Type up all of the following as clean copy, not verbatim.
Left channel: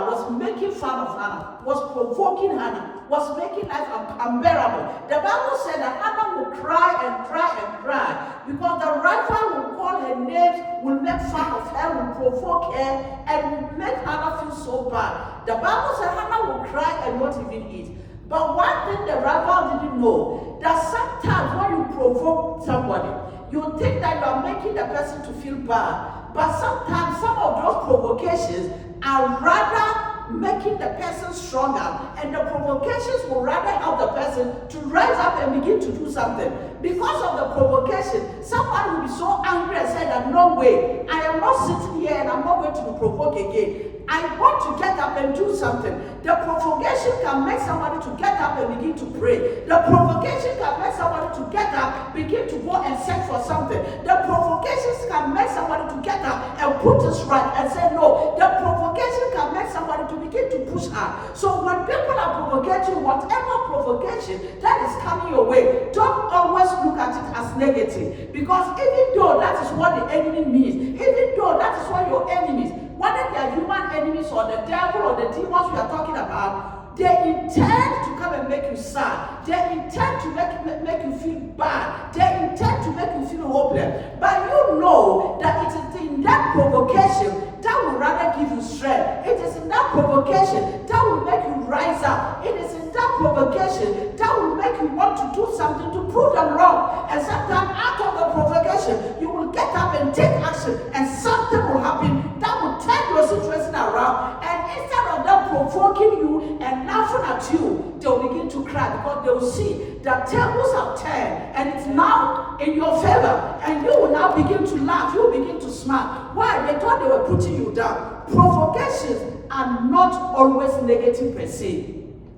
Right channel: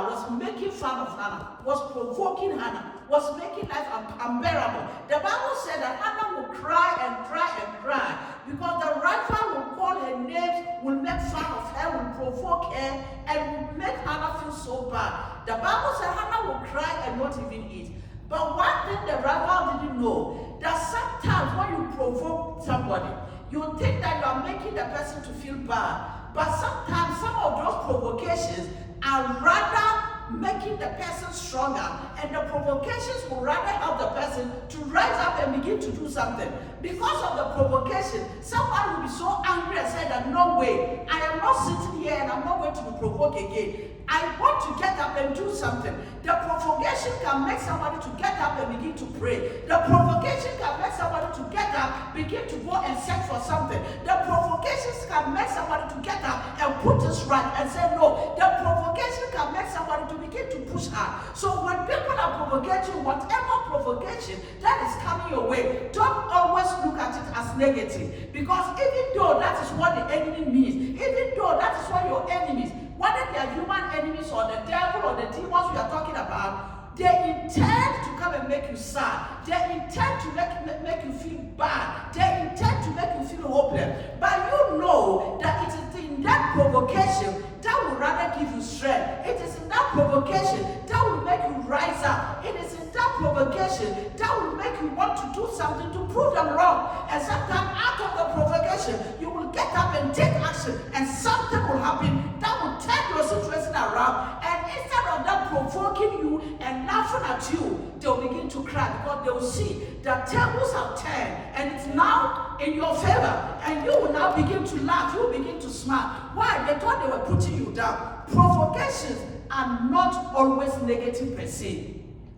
rival was making fun of Hannah, was provoking Hannah, was making life unbearable. The Bible said that Hannah would cry and cry and cry because the rival would call her names, would make fun of her, would provoke her, and would make Hannah feel so bad. The Bible said Hannah would cry and not even eat. But one thing the rival didn't know, that sometimes when you provoke somebody, you think that you are making the person to feel bad. But sometimes some of those provocations are rather making the person stronger, and the provocations will rather help the person to rise up and begin to do something. Because of the provocation, someone will be so angry and say that no way, I am not sitting here and I'm not going to be provoked again. I want to get up and do something. The provocation can make somebody to get up and begin to pray. The provocation can make somebody to get up, begin to go and search for something. The provocations can make somebody to get up and put this right and say no. The provocation can make somebody to begin to push hard. So when people are provoking, whatever provocation that is coming your way, don't always look at it as negative. Because even though that is what the enemy means, even though that is what your enemies, whether they are human enemies or the devil or the demons we are talking about, they intend to come and make you sad. They intend to make you feel bad. They intend to make you feel hopeless. But you know that it is in that provocation that will rather give you strength. It is in that provocation that will make you rise up. It is in that provocation that will make you want to do something to prove them wrong. And sometimes out of the provocation, you will get up and take action, and something will happen that will turn your situation around. And instead of them provoking you and laughing at you, they will begin to cry because they will see that tables have turned and it's now in your favor. And you will now begin to laugh. You will begin to smile. Why? They thought they were putting you down. Provocations are not always negative per se.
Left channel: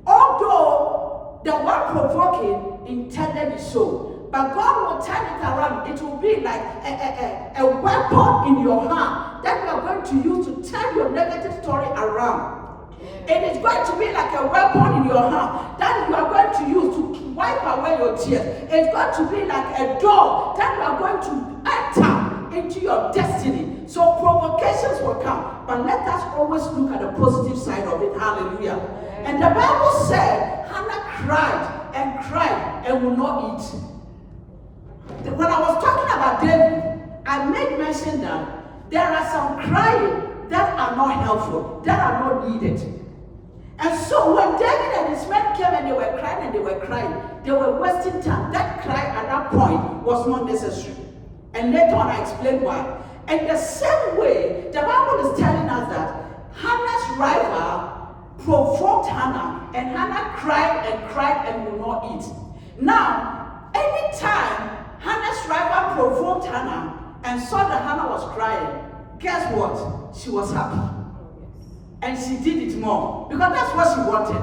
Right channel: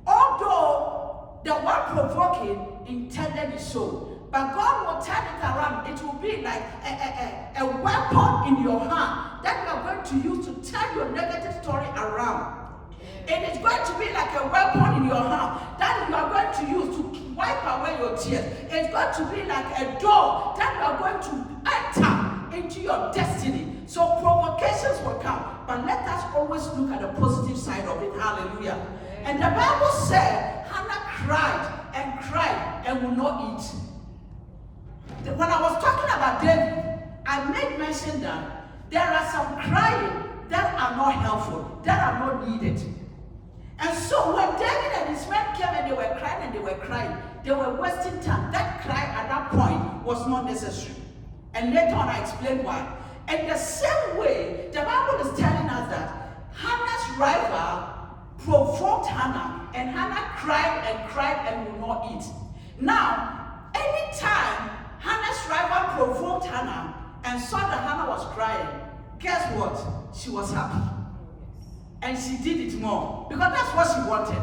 Although the one provoking intended it so, but God will turn it around. It will be like a weapon in your hand that you are going to use to turn your negative story around. It is going to be like a weapon in your hand that you are going to use to wipe away your tears. It's going to be like a door that you are going to enter into your destiny. So provocations will come, but let us always look at the positive side of it. Hallelujah. And the Bible said Hannah cried and would not eat. When I was talking about David, I made mention that there are some crying that are not helpful, that are not needed. And so when David and his men came and they were crying, they were wasting time. That cry at that point was not necessary. And later on I explained why. And the same way, the Bible is telling us that Hannah's rival provoked Hannah, and Hannah cried and would not eat. Now, anytime Hannah's rival provoked Hannah and saw that Hannah was crying, guess what? She was happy. And she did it more because that's what she wanted.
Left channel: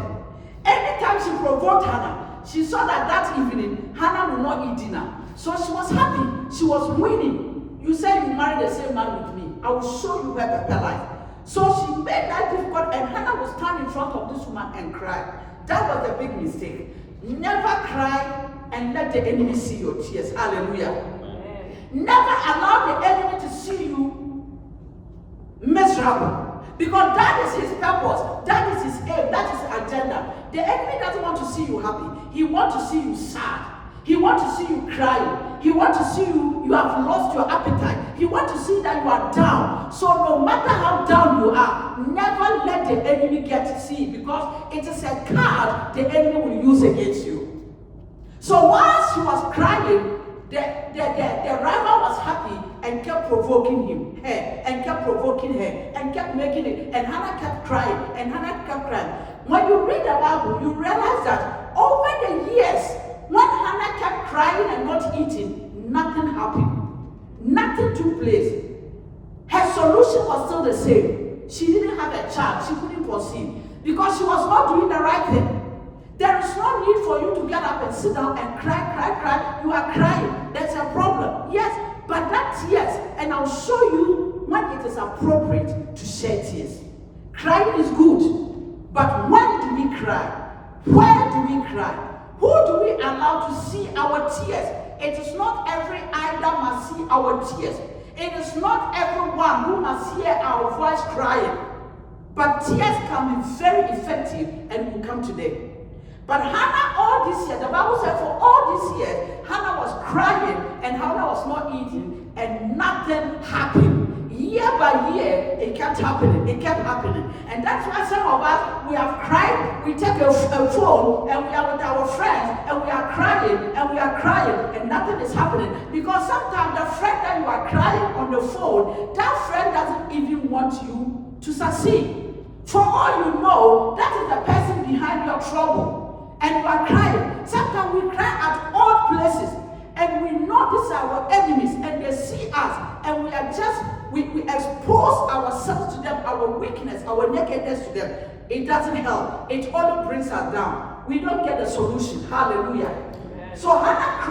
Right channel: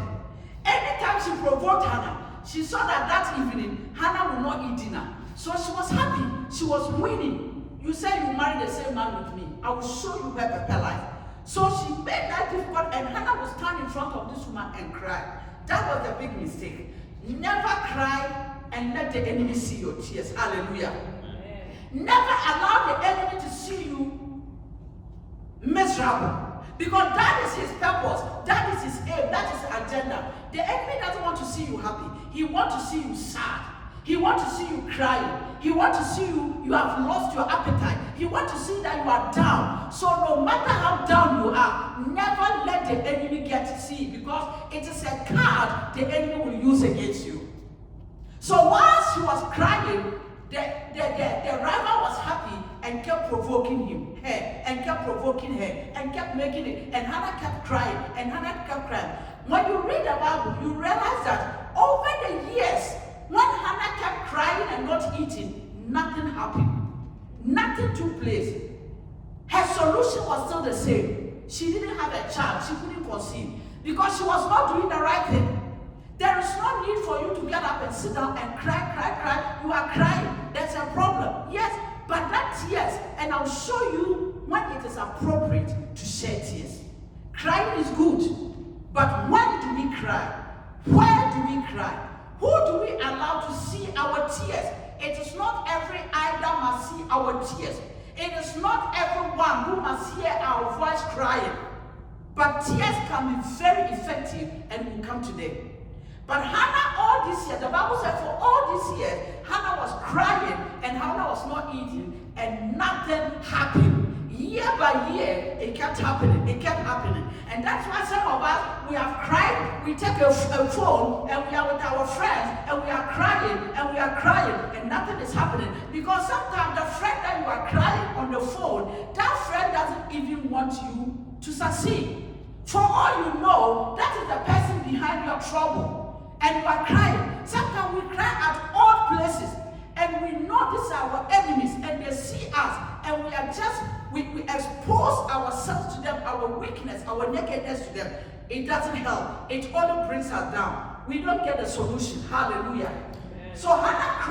Anytime she provoked Hannah, she saw that evening Hannah would not eat dinner. So she was happy. She was winning. You say you married the same man with me. I will show you where Pepper lies. So she made that difficult, and Hannah would stand in front of this woman and cry. That was a big mistake. Never cry and let the enemy see your tears. Hallelujah. Amen. Never allow the enemy to see you miserable. Because that is his purpose, that is his aim, that is his agenda. The enemy doesn't want to see you happy. He wants to see you sad. He wants to see you crying. He wants to see you have lost your appetite. He wants to see that you are down. So no matter how down you are, never let the enemy get to see it, because it is a card the enemy will use against you. So while she was crying, the rival was happy and kept provoking her, and kept making it. And Hannah kept crying, When you read the Bible, you realize that over the years, when Hannah kept crying and not eating, nothing happened. Nothing took place. Her solution was still the same. She didn't have a child. She couldn't conceive because she was not doing the right thing. There is no need for you to get up and sit down and cry. You are crying. That's a problem. Yes, but that tears, and I'll show you when it is appropriate to shed tears. Crying is good, but when do we cry? Where do we cry? Who do we allow to see our tears? It is not every eye that must see our tears. It is not everyone who must hear our voice crying. But tears can be very effective and will come today. But Hannah, all this year, the Bible said for all this year, Hannah was crying and Hannah was not eating and nothing happened. Year by year, it kept happening. It kept happening. And that's why some of us, we have cried, we take a phone and we are with our friends and we are crying and nothing is happening. Because sometimes the friend that you are crying on the phone, that friend doesn't even want you to succeed. For all you know, that is the person behind your trouble. And you are crying. Sometimes we cry at odd places. And we know these are our enemies. And they see us. And we expose ourselves to them, our weakness, our nakedness to them. It doesn't help. It only brings us down. We don't get the solution. Hallelujah. Amen. So Hannah cried.